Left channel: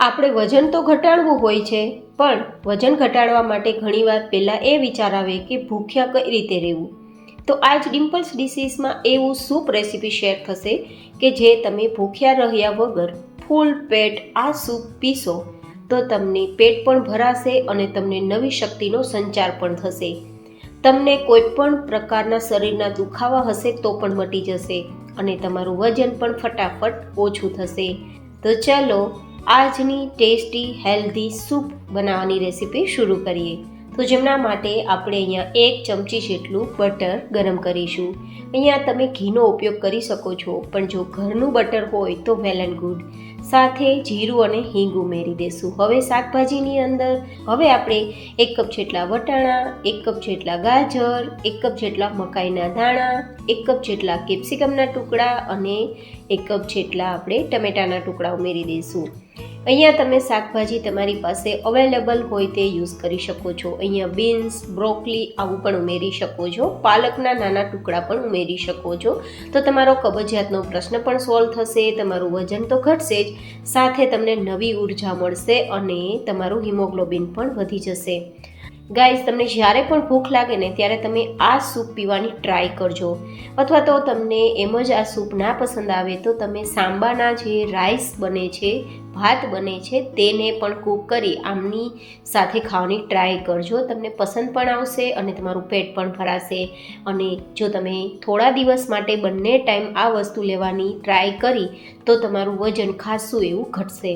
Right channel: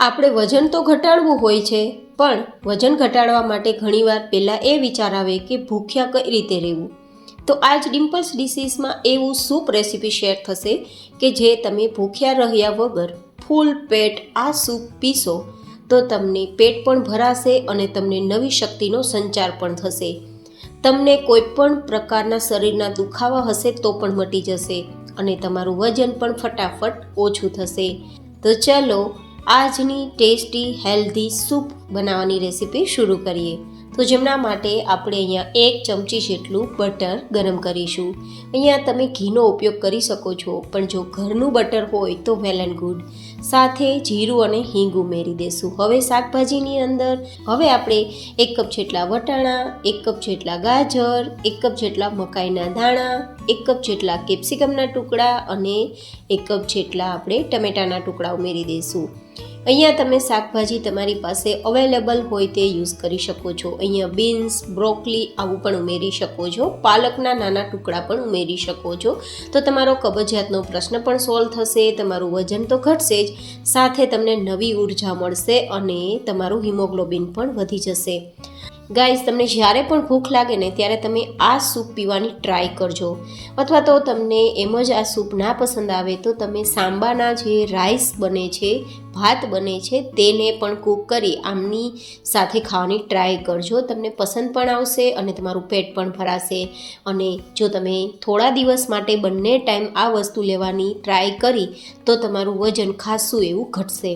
આપણે વજન તો ઘટાડવું હોય છે, પણ વજન ઘટાડવા માટે ઘણીવાર પહેલાં એ વિચાર આવે કે ભૂખ્યા કઈ રીતે રહેવું. તો આજ ડિમ્પલ્સ ડિશીસમાં એવું સૂપ રેસીપી શેર થશે કે જે તમે ભૂખ્યા રહ્યા વગર ફૂલ પેટ આ સૂપ પીશો તો તમને પેટ પણ ભરાશે અને તમને નવી શક્તિનો સંચાર પણ થશે. તમને કોઈ પણ પ્રકારના શરીરના દુખાવા હશે તો પણ મટી જશે અને તમારું વજન પણ ફટાફટ ઓછું થશે. તો ચાલો આજની ટેસ્ટી હેલ્ધી સૂપ બનાવવાની રેસીપી શરૂ કરીએ. તો જેમના માટે આપણે અહીંયા 1 ચમચી જેટલું બટર ગરમ કરીશું. અહીંયા તમે ઘીનો ઉપયોગ કરી શકો છો, પણ જો ઘરનું બટર હોય તો વેલ એન્ડ ગુડ. સાથે જીરું અને હિંગ ઉમેરી દેશું. હવે શાકભાજીની અંદર આપણે 1 કપ જેટલા વટાણા, 1 કપ જેટલા ગાજર, 1 કપ જેટલા મકાઈના દાણા, 1 કપ જેટલા કેપ્સિકમના ટુકડા અને 1 કપ જેટલા આપણે ટમેટાના ટુકડા ઉમેરી દઈશું. અહીંયા તમે શાકભાજી તમારી પાસે અવેલેબલ હોય તે યુઝ કરી શકો છો. અહીંયા બીન્સ, બ્રોકલી આવું પણ ઉમેરી શકો છો. પાલકના નાના ટુકડા પણ ઉમેરી શકો છો. તો તમારો કબજિયાતનો પ્રશ્ન પણ સોલ્વ થશે, તમારું વજન તો ઘટશે જ, સાથે તમને નવી ઉર્જા મળશે અને તમારું હિમોગ્લોબિન પણ વધી જશે. ગાઈઝ, તમને જ્યારે પણ ભૂખ લાગે ને ત્યારે તમે આ સૂપ પીવાની ટ્રાય કરજો. અથવા તો તમને એમ જ આ સૂપ ના પસંદ આવે તો તમે સાંબાના જે રાઈસ બને છે, ભાત બને છે, તેને પણ કૂક કરી આમની સાથે ખાવાની ટ્રાય કરજો. તમને પસંદ પણ આવશે અને તમારું પેટ પણ ભરાશે. અને જો તમે થોડા દિવસ માટે બંને ટાઈમ આ વસ્તુ લેવાની ટ્રાય કરી તો તમારું વજન ખાસું એવું ઘટશે.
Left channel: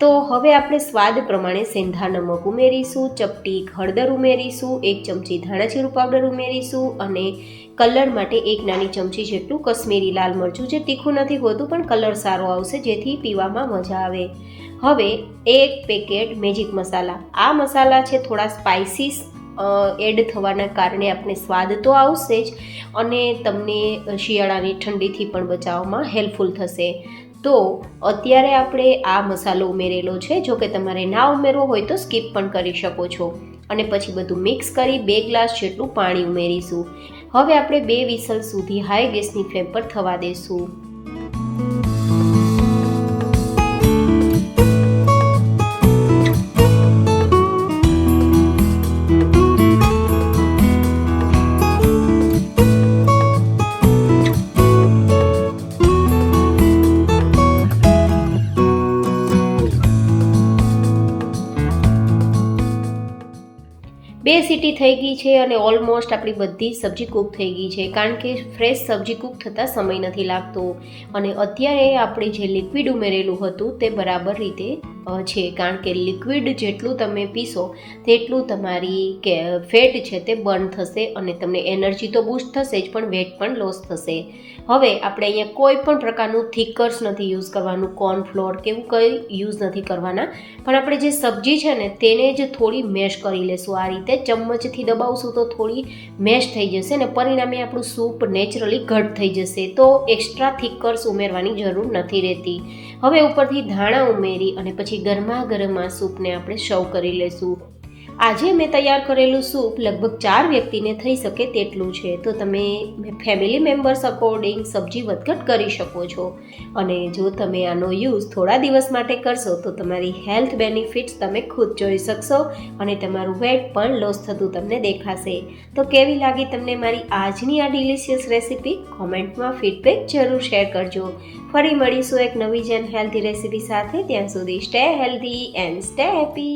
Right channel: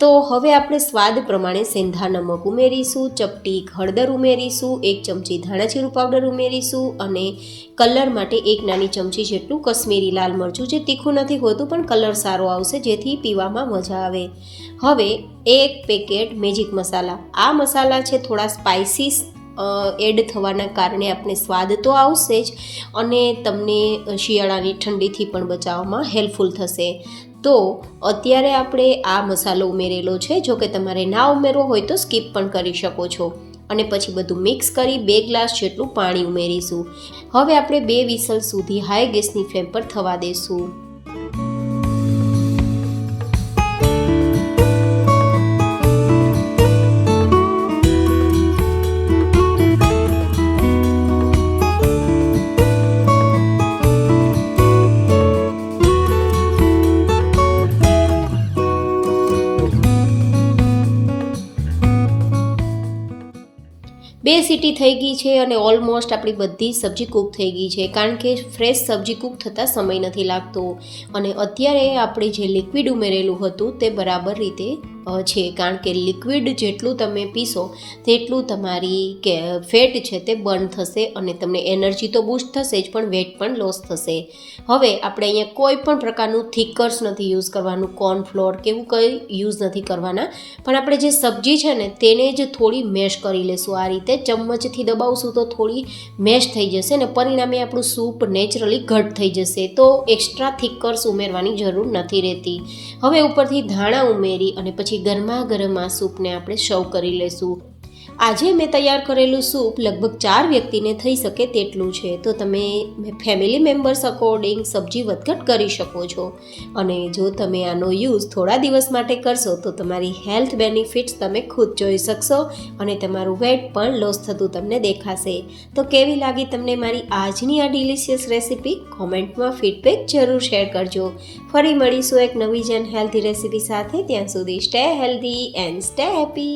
તો હવે આપણે સ્વાદ પ્રમાણે સેંધા નમક ઉમેરીશું, ચપટી હળદર ઉમેરીશું, 1 ચમચી ધાણાજીરું પાવડર ઉમેરીશું અને કલર માટે 1 નાની ચમચી જેટલું કશ્મીરી લાલ મરચું, જે તીખું નથી હોતું પણ કલર સારો આવશે જેથી પીવામાં મજા આવે. હવે 1 પેકેટ મેજિક મસાલા. આ મસાલા છે થોડા સ્પાઇસીસ એડ થવાના કારણે આપણે સ્વાદ તો આવશે જ અને તમને શિયાળાની ઠંડીથી પણ બચાવવામાં હેલ્પફુલ થશે. તો અત્યારે આપણે આ મસાલો ઉમેરેલો છે. જો કે તમારે ના ઉમેરવો હોય તો સ્કીપ પણ કરી શકો છો. અને પછી બધું મિક્સ કરી 2 ગ્લાસ જેટલું પાણી ઉમેરીશું. હવે આપણે 2 વિસલ સુધી હાઈ ગેસની ફ્લેમ પર થવા દઈશું. બે સીટી થઈ ગઈ છે અને ઓલમોસ્ટ આપણી બધી સબ્જી કૂક થઈ ગઈ છે, કારણ કે ફ્રેશ સબ્જી કૂક થતાં સમય નથી લાગતો. અને અત્યારે આપણે જે લિક્વિડ ઉમેરેલું હતું તે બરાબર રીતે છે, કારણ કે લિક્વિડ જેટલું તમે પીશો તેટલું તમારી ફેટ છે તે બર્ન થશે અને તમને એનર્જી તો બૂસ્ટ થશે જ પણ વેટ પણ લોસ થશે. હવે આપણે અહીંયા કોઈ પણ પ્રકારનું થિકર્સ નથી યુઝ કરવાનું, કોર્નફ્લોર કે એવું કંઈ યુઝ નથી કરવાના, પણ આપણે જે સબ્જી છે ને તેને જ થોડી મેશ કરી લેશું. આ રીતે ચમચથી દબાવશું તો થોડી મેશ થઈ જશે ને પરિણામે આપણું સૂપ નેચરલી ઘટ થઈ જશે. તો એક્સ્ટ્રા થિકર્સ ઉમેરવાની જરૂર નથી રહેતી. હવે ઉપરથી ધાણા ઉમેરી અને પછી ગરમા ગરમ આ સૂપને આપણે સર્વ કરી લેશું. આજે મેં તૈયાર કરેલું સૂપ લગભગ 4 વ્યક્તિને થઈ શકે તેટલું છે. તો તમે ફેમિલી મેમ્બર્સ અકોર્ડિંગ સબ્જી વધઘટ કરી શકો છો. અને જો તમે આનો યુઝ થોડા દિવસ માટે કરશો તો તમારી હેલ્થ બેનિફિટ્સ તમે ખુદ જોઈ શકશો અને તમારું વેટ પણ લોસ થતું તમને દેખાશે. તો કેવી લાગી તમને મારી આજની આ ડિલિશિયસ રેસીપી? કોમેન્ટમાં ફીડબેક જરૂર શેર કરજો. ફરી મળીશું એક નવી જ હેલ્ધી રેસીપી સાથે. ત્યાં સુધી stay healthy and stay happy.